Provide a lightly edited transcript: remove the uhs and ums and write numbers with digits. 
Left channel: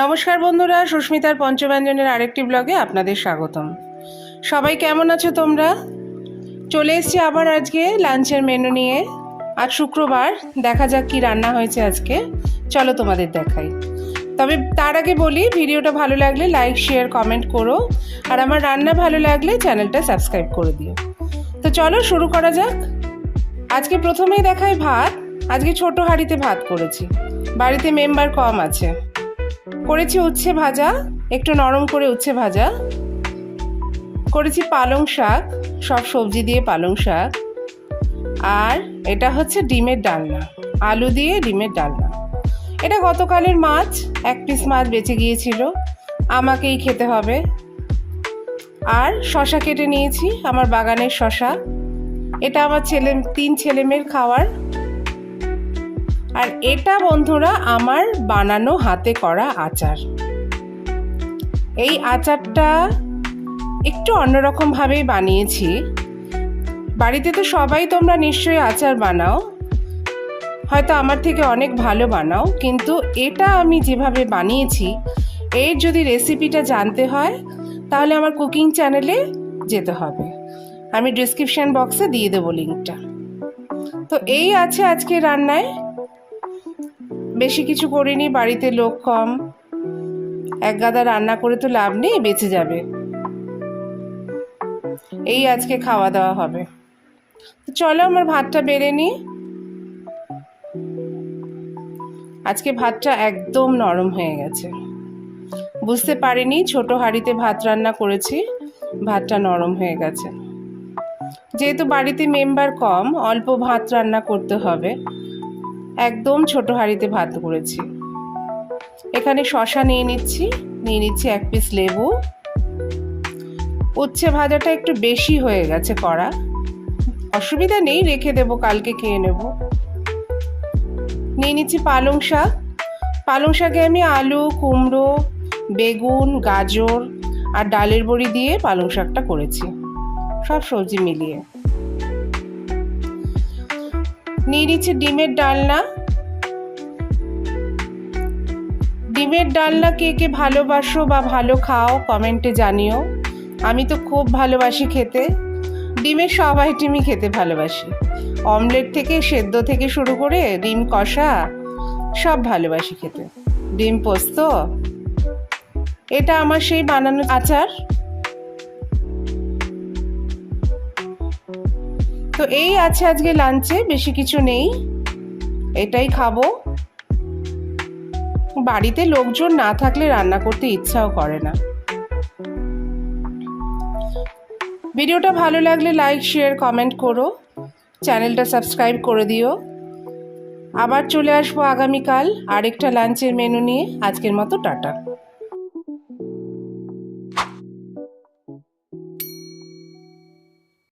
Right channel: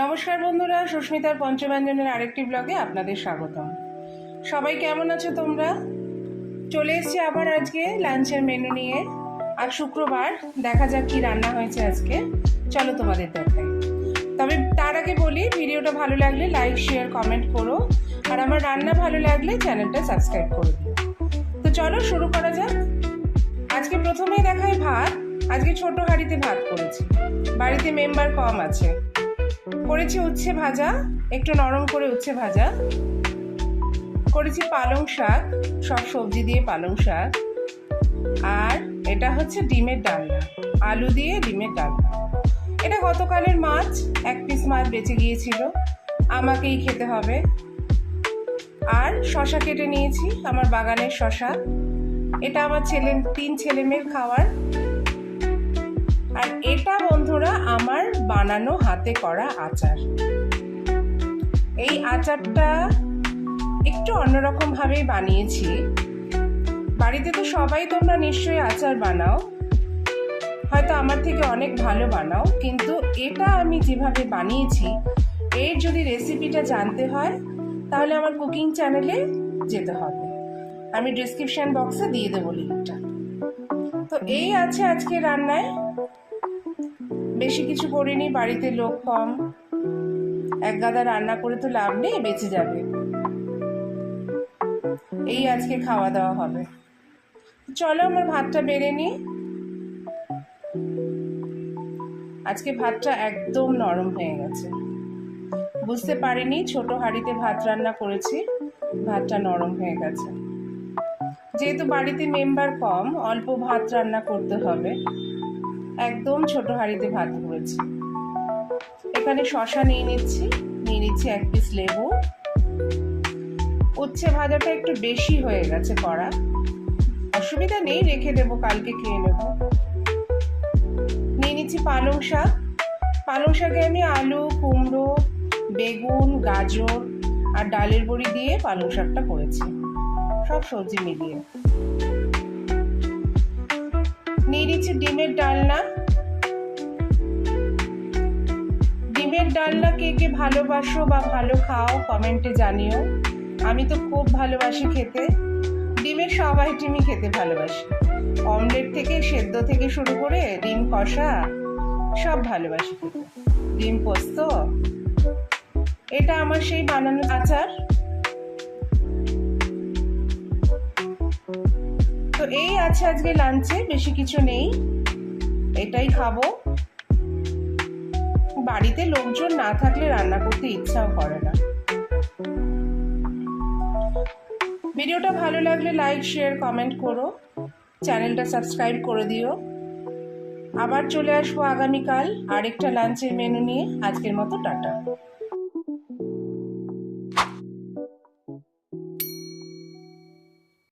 নমস্কার বন্ধুরা, সুস্মিতার পঞ্চব্যঞ্জনের আরেকটি ব্লগে আপনাদের স্বাগতম। সবাই কেমন আছো তোমরা? চলে এসেছি আবার আজকে লাঞ্চের মেনু নিয়ে। আজ শুক্রবার, দেখা যাক কি রান্না হয়েছে আজকে। চলো তোমাদের দেখাই। তবে তার আগে বলি, ভিডিওটা ভালো লাগলে লাইক শেয়ার কমেন্ট করো, আর আমার রান্না ভালো লাগলে চ্যানেলটা সাবস্ক্রাইব করে দিও। তো চলো শুরু করা যাক। আজকে প্রথমেই দেখাই ভাত। আজকে ছোট হাঁড়িতে ভাত করেছি, বাড়িতে মেম্বার কম আছে। করেছি উচ্ছে ভাজা, একটু নরম করে উচ্ছে ভাজা করেছি, পালং শাক, সব সবজি দিয়ে পালং শাক, আর এটা হচ্ছে ডিমের ডালনা, আলু দিয়ে ডিমের ডালনা। এটা গতকালের মাছ, এক পিস মাছ বেঁচে গিয়েছিল, আমাকেই খেতে হবে। আর শশা কেটে নিয়েছি, আমার বাগানের শশা। এটা আমার তিন ছেলে মেয়ের খাওয়ার। আর এটা বন্ধুরা আমার বানানো হাতে করা আচার। এই আচারটা একটু অন্যরকম ভাবেই বানিয়েছি। বাড়িতে তো সবাই তোমরা নিশ্চয়ই আচার বানাও, হয়তো আমার থেকে অনেক ভালো বানাও, কিন্তু এটা আমি যেভাবে বানিয়েছি, এর যদি রেসিপিটা জানতে হয় তাহলে আমার কুকিং চ্যানেলে যেতে হবে। আমি ডেসক্রিপশন বক্সে দিয়ে দেবো লিঙ্কটা। তো এই আছে আজকে রান্নায়। বেশি কিছু করিনি, বাড়িতে লোক কম, এক গাদা রান্না করে তো লাভ নেই, বেঁচে যাবে। এই আজকে খাওয়া দাওয়া হবে। চলো আমার ভাতটা বেড়ে নি। আজকে ভাতটা একদম নরম হয়ে গেছে, বুঝতে পারিনি ছোট হাঁড়িতে ভাত রান্না করেছি, ভাতটা নরম হয়ে গেছে। যেহেতু বাড়িতে মেম্বার কম, অল্প ভাত রান্না করতে হবে, একদম ছোট হাঁড়িতে ভাত করেছি। এখানে শশা নিয়ে নিচ্ছি এক পিস লেবু। উচ্ছে ভাজাটা একটু বেশি হয়ে গেছে করা, অসুবিধা নেই, রেখে দেবো, কালকে খেয়ে নেব। নিয়ে নিচ্ছি পালং শাক। পালং শাকে আমি আলু, কুমড়ো, বেগুন, গাজর আর ডালের বড়ি দিয়ে পালং শাকটা করেছি, সব সবজি মিলিয়ে। নিয়ে নিচ্ছি ডিমের ডালনা। ডিমের ডালনা কে কে ভালোবাসো বা ভালো খাও কমেন্টে জানিও। আমি তো খুব ভালোবাসি খেতে, ডিমের সব আইটেমই খেতে ভালোবাসি, অমলেট থেকে সেদ্ধ থেকে শুরু করে ডিম কষা সব ভালোবাসি খেতে, ডিম পোস্ত। এটা আমার সেই বানানো আচার। তো এই আছে আজকে লাঞ্চে, বেশি কিছু নেই, এটাই খাবো। বাড়িতে লোকজন না থাকলে রান্না করতে ইচ্ছাও করে না। ভিডিওটা ভালো লাগলে লাইক শেয়ার কমেন্ট করো, চ্যানেলটা সাবস্ক্রাইব করে দিও। আবার চলে আসবো আগামীকাল আরেকটা লাঞ্চের মেনু নিয়ে। আজকের মতো টাটা।